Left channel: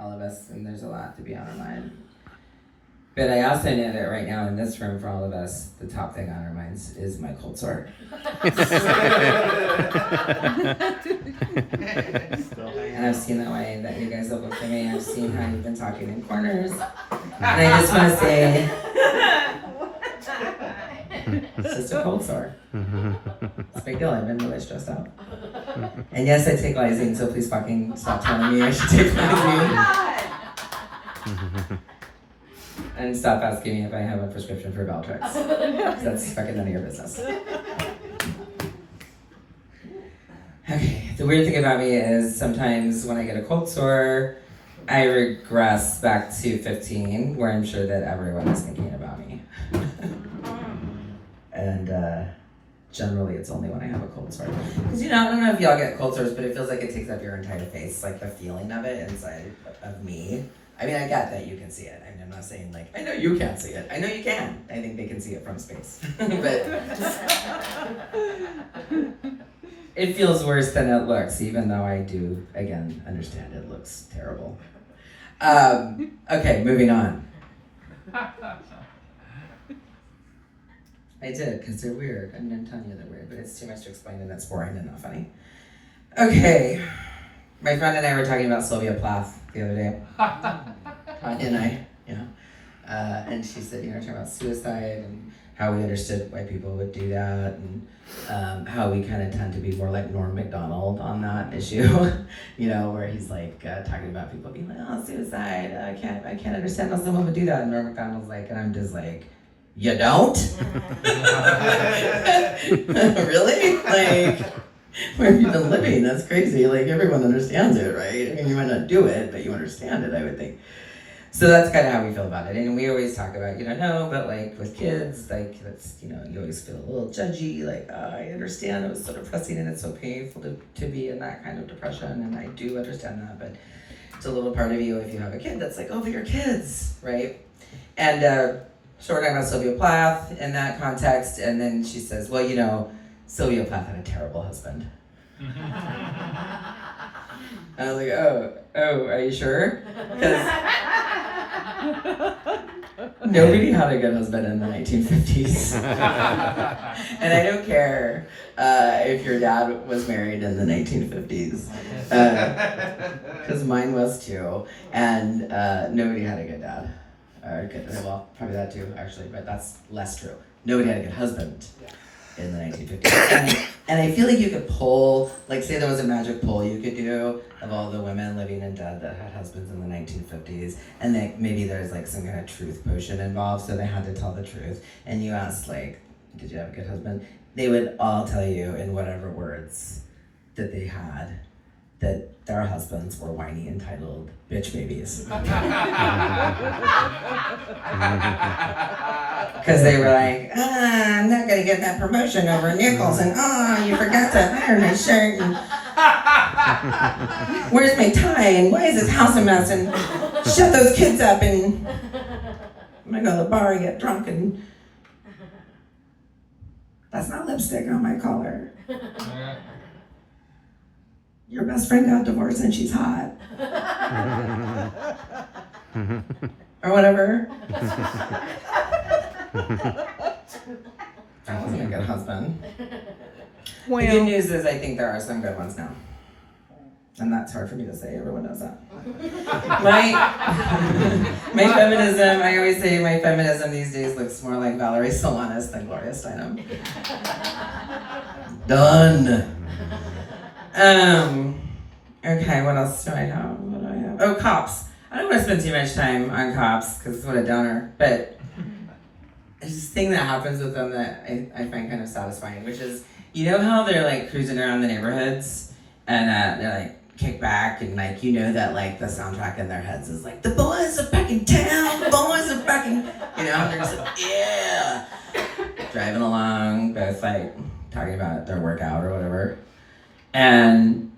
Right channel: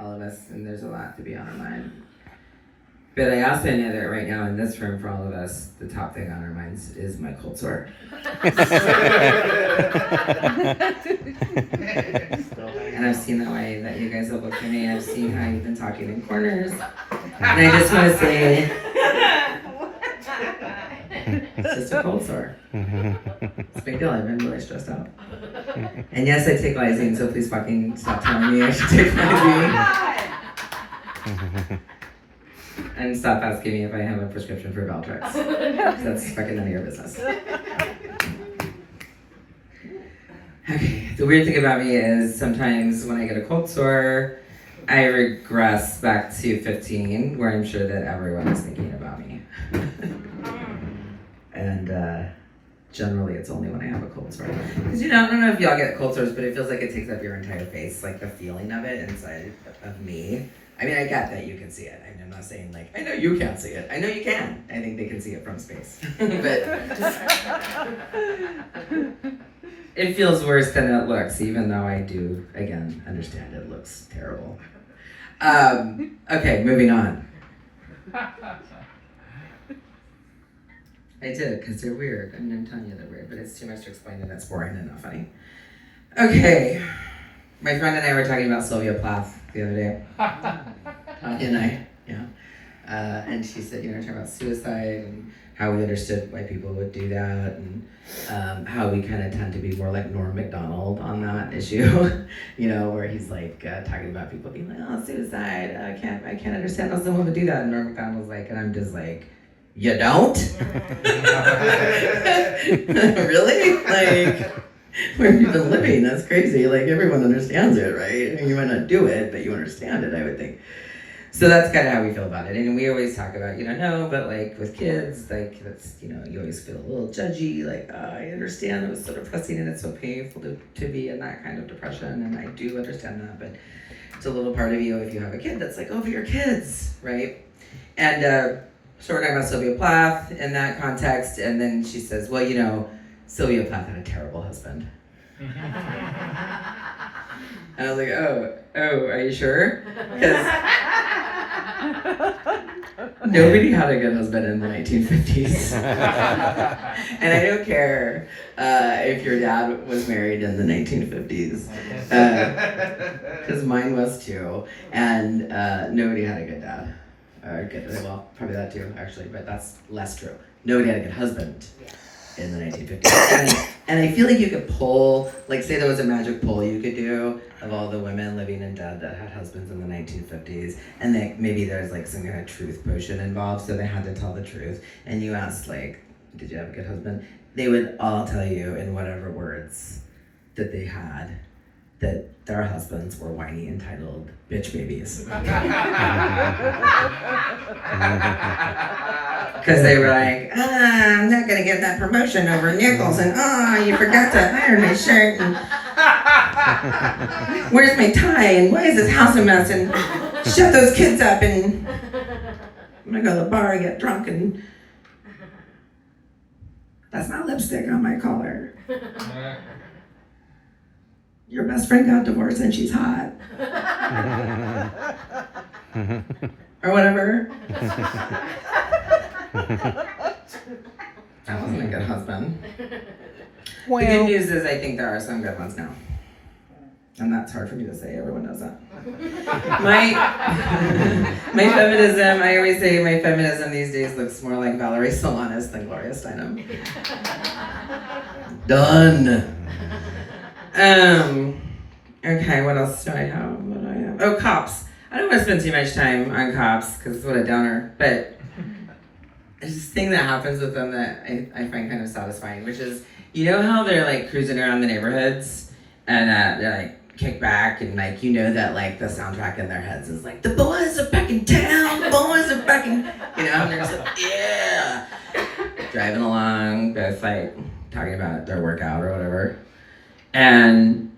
all of us, and there's a lot to be on our mind. But I also know that right now in this room, for all of us, the top thing on our minds is my cold sore. And I've seen the way that you guys have looked at me. I've seen how you've been talking in corners. And I just want to say, it's just a cold sore. It's a big deal. I've been really stressed out. And yes, I take Lysine, so please fucking stop telling me I should take Lysine. And stop asking me if I have a prescription for Valtrex. That's fucking none of your business. Okay, the weird thing about me is sometimes when I get a cold sore, I regress back to 15, where I'm sure that everyone is thinking about me. And generally it's only when I have a cold sore. Because I don't know if y'all get cold sores, but it feels like it takes up your entire face, like the feeling of it inside of me. I mean, I get that you can see it. I'm not saying like, I know you can't see it. I know you can. I think they can see it from space. But it feels worse than it looks, even though I do, again, understand it looks terrible. Okay, moving on. I did, because they're weird. I'm going to tell you they're weird, but it's too much to explain and that's boring and not funny. Okay. My friend and I were talking about Sylvia Plath the other day. Tanya and I, yeah. And she said, talking about suicide and how we understood why people would do that and how we kind of tend to be more like Norm Macdonald on that issue, where he's like talking about people being like, oh, suicide, I can't understand how someone would do that. And Norm Macdonald's like, and I'm just like, you don't? Really? Like, where have you been living? That's crazy. Like, everyone understands it, right? I mean, you might not do it, but you understand it, I would think. So that's kind of how we feel about it. And we always talk about, no, but like with kids, like that's, you always feel a little judgy, like, I understand it was so depressing and it's so painful to be in that kind of depression. And I do understand that, but it's a little part of you if you have a kid that's like, oh, for your kids, right? And so we're talking about Sylvia Plath in that context. And then she says, well, Sylvia Plath had a terrible husband. And I was like, oh, are you sure? Because nobody had a good husband in the 1950s. And I don't care if your dad was married in the 1950s. Because mine was too. And nobody had a good dad. Well, probably that too, actually, but that's less true. Nobody had a good husband. In the 1950s. And I feel like you could pull, like say there was a magic poll you could do of all the women living and dead that had husbands in the 1950s, and that maybe there's like some kind of truth potion involved, so they had to tell the truth. And you asked like, did you have a good husband? They would all tell you in whatever words that they had that their husbands were whiny, entitled bitch babies. Because they were like, I'm not gonna get that promotion over Nichols, and you forgot to iron my shirt, and where's my tie, and why is this house a mess, and shut those kids up, and I'm gonna go to the bar and get drunk, and that's not lipstick on my collar. Your best friend got divorced and she's hot. Or whatever. That wasn't a good husband. Well, the good news is I think there are some good ones now. And that's hard for me to say, everyone knows that. My feminism, I always say my feminism these days looks more like Valerie Solanas than Gloria Steinem. Done. Okay, what else do I have? Oh, cops. I don't want to spend too much time on cops, because what a downer, but there's this thing that happens with them that I find kind of satisfying, which is, how they're like cruising around the neighborhoods, and they're like kick back, and like, that like the soundtrack in their heads is like, the boys are back in town, the boys are back in, and they're just like, yeah, driving along, both like talking about their workout or whatever. And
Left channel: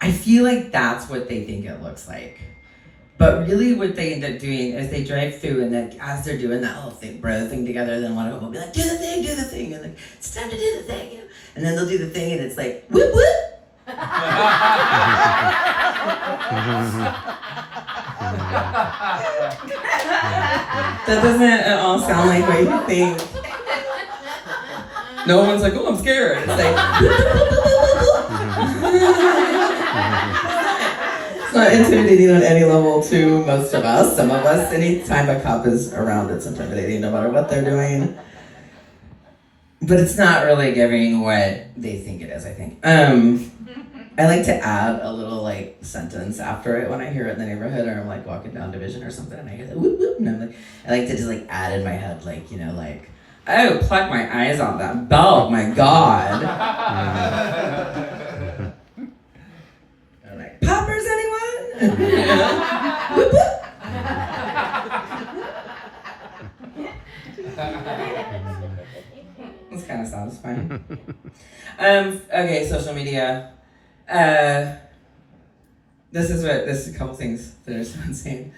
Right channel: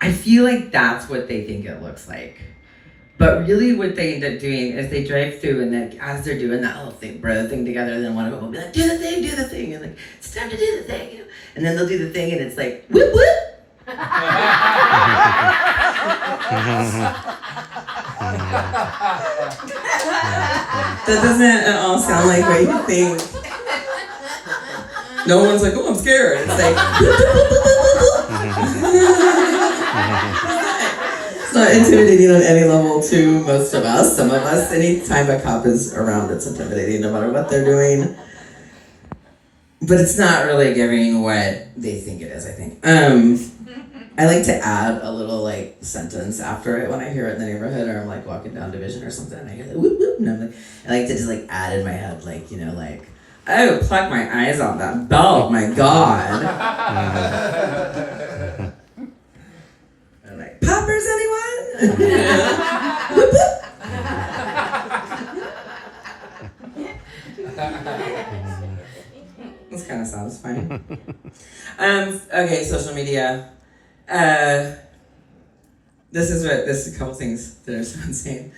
I feel like that's what they think it looks like. But really what they end up doing is they drive through, and then as they're doing that whole thing, bro thing together, then one of them will be like, do the thing, and like, it's time to do the thing. And then they'll do the thing, and it's like, whoop, whoop. That doesn't at all sound like what you think. No one's like, oh, I'm scared. It's like, it's not intimidating on any level to most of us. Some of us, anytime a cop is around, it's intimidating no matter what they're doing. But it's not really giving what they think it is, I think. I like to add a little like sentence after it when I hear it in the neighborhood, or I'm like walking down Division or something, and I hear like whoop whoop, and I'm like, I like to just like add in my head, like, you know, like, oh, pluck my eyes out that bulb, my God. I'm like, poppers, anyone? Whoop whoop. This kind of sounds fine. Okay, social media. This is a couple things that are so insane.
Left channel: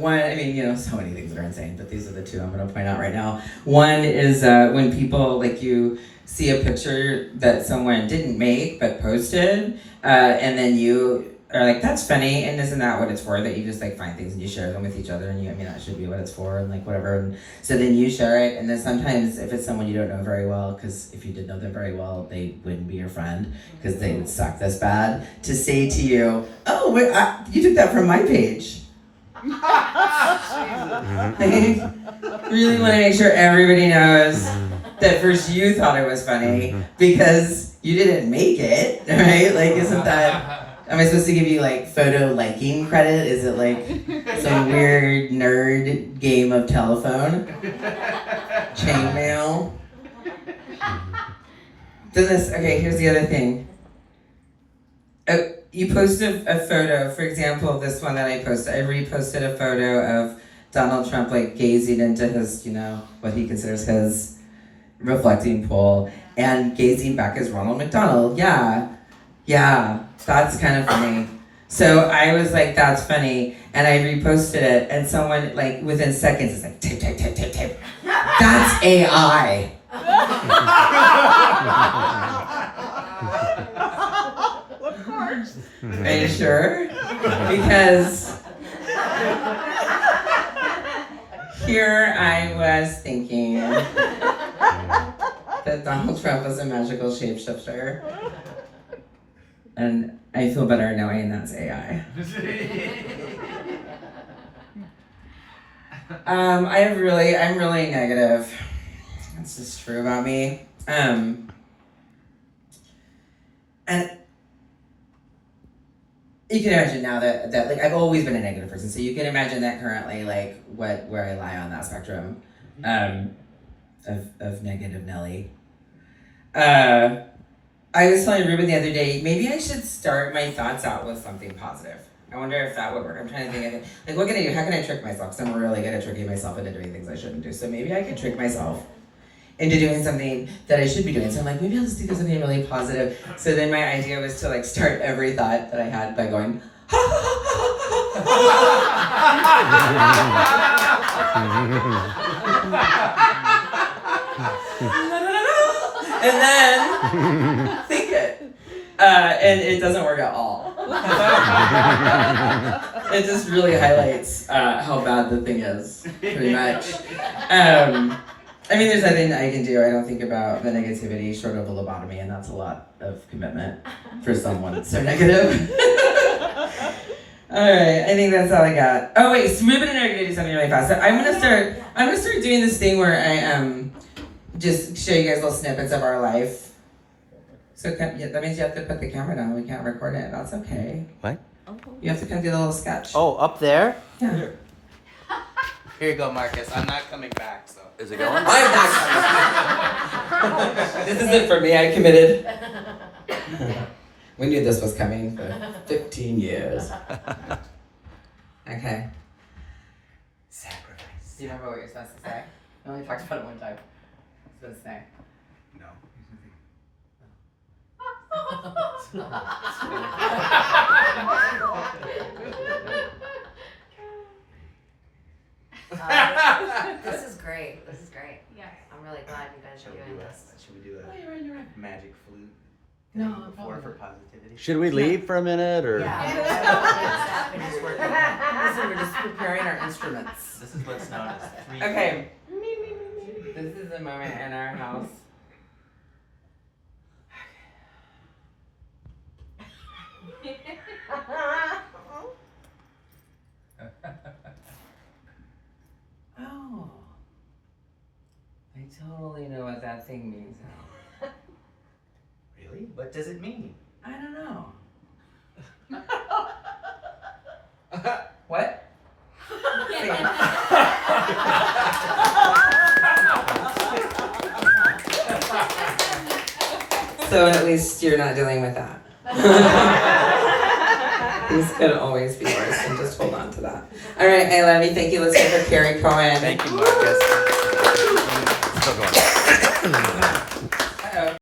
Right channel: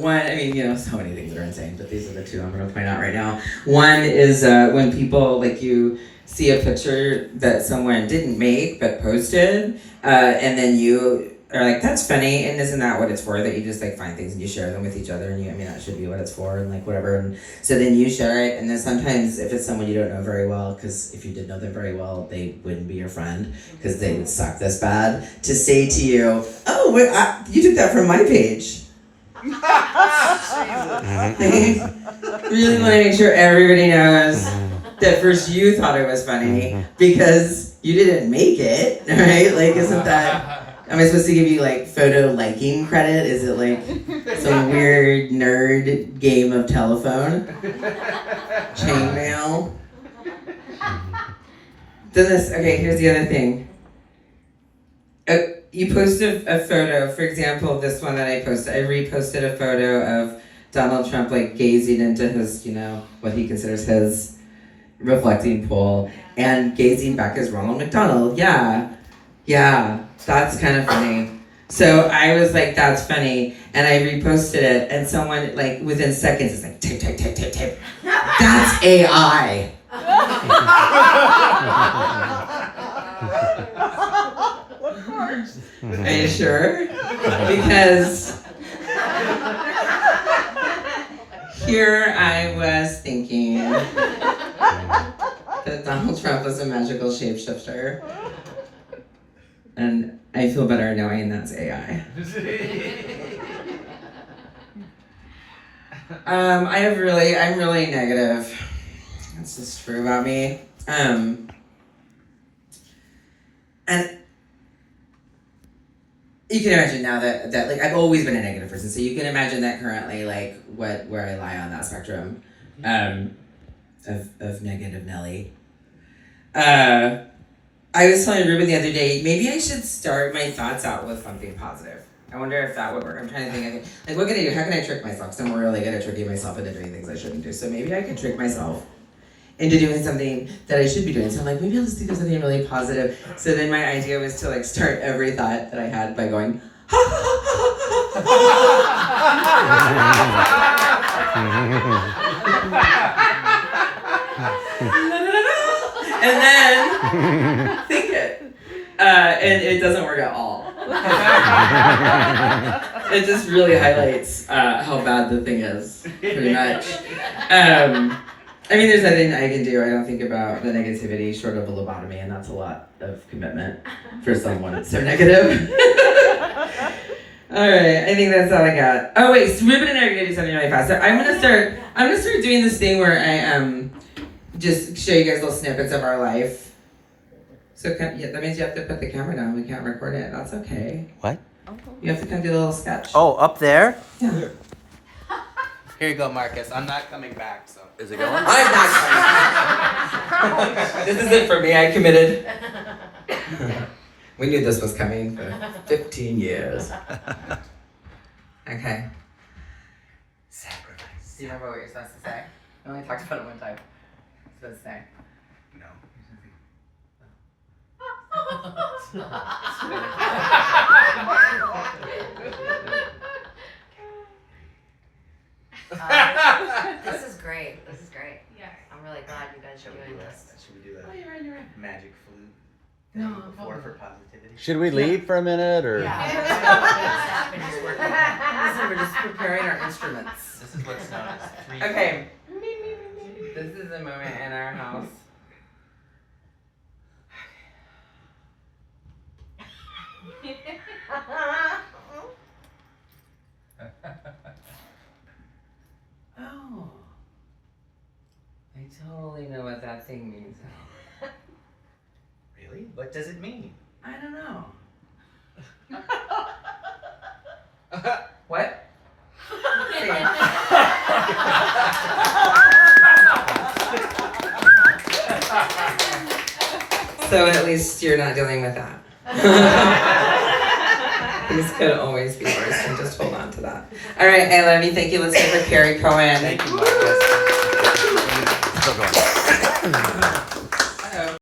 One, I mean, you know, so many things are insane, but these are the two I'm going to point out right now. One is when people, like, you see a picture that someone didn't make but posted, and then you are like, that's funny, and isn't that what it's for? That you just like find things and you share them with each other, and I mean, that should be what it's for, and like whatever. And so then you share it, and then sometimes if it's someone you don't know very well, because if you did know them very well, they wouldn't be your friend because they would suck this bad, to say to you, oh, wait, you took that from my page. Really want to make sure everybody knows that first you thought it was funny because you didn't make it, right? Like, isn't that... Am I supposed to give you like photo liking credit? Is it like some weird nerd game of telephone? Chainmail? Okay, here's the other thing. You post a photo, for example, this one that I posted. I reposted a photo of Donald Trump like gazing into his, you know, what he considers his reflecting pool, and gazing back as Ronald McDonald. Yeah, that's kind of funny. So I was like, that's funny, and I reposted it, and someone, like, within seconds is like, tape. That's AI. Of course. Are you sure? Because here I was thinking that Donald Trump was a magical shapeshifter. And I feel better knowing that's AI. I'm really negative. That's just true about me. And you can imagine now that like I've always been a negative person, so you can imagine that currently, like where I lie on that spectrum, of negative Nelly. I was telling Ruben the other day, maybe I should start my thoughts out with something positive. I wonder if that would work. I'm trying to think, like, what can I do? How can I trick myself? Because I'm really good at tricking myself into doing things I shouldn't do. So maybe I can trick myself into doing something that I should be doing. So I'm like, maybe I'll just think of something really positive. So then my idea was to like start every thought that I had by going, and then think it. And it doesn't work at all. It just really highlights how bad the thing is, pretty much. I mean, there's nothing I can do. I don't think about the negativity short of a lobotomy, and that's a lot of commitment for someone so negative. All right, I think that's all I got. Oh wait, so Ruben and I are gonna do something really fast. So I'm gonna start doing this thing where I just show you guys little snippets of our life. So that means you have to put the camera down. We can't record it. That's okay. What? You have to come do the little sketch. Oh, up there? Yeah. Here you go, Marcus. I'm not coming back, so. Is it going? I'm not coming. This isn't for me. I committed. We knew this was coming for 15 years. Okay. Sacrifice. Do you remember what you're supposed to say? We only talked about it one time. What you're supposed to say. No. This is great. This is great. Yeah. I'm really glad you guys are doing this. Should we do that? Oh, you're right. Magic flute? No, Before for positivity. Should we leave for a minute or? Yeah. Finish working. preparing our instruments. This is what's known as 3. Okay. This is a moment in our house. Oh. I totally know what that thing means. Really? What does it mean? I don't know. What? Say it. So at least you're not dealing with that. These could always be worse, and just hold on to that. All right, I love you. Thank you, listening for Carrie Cohen. Thank you, Marcus. Still going.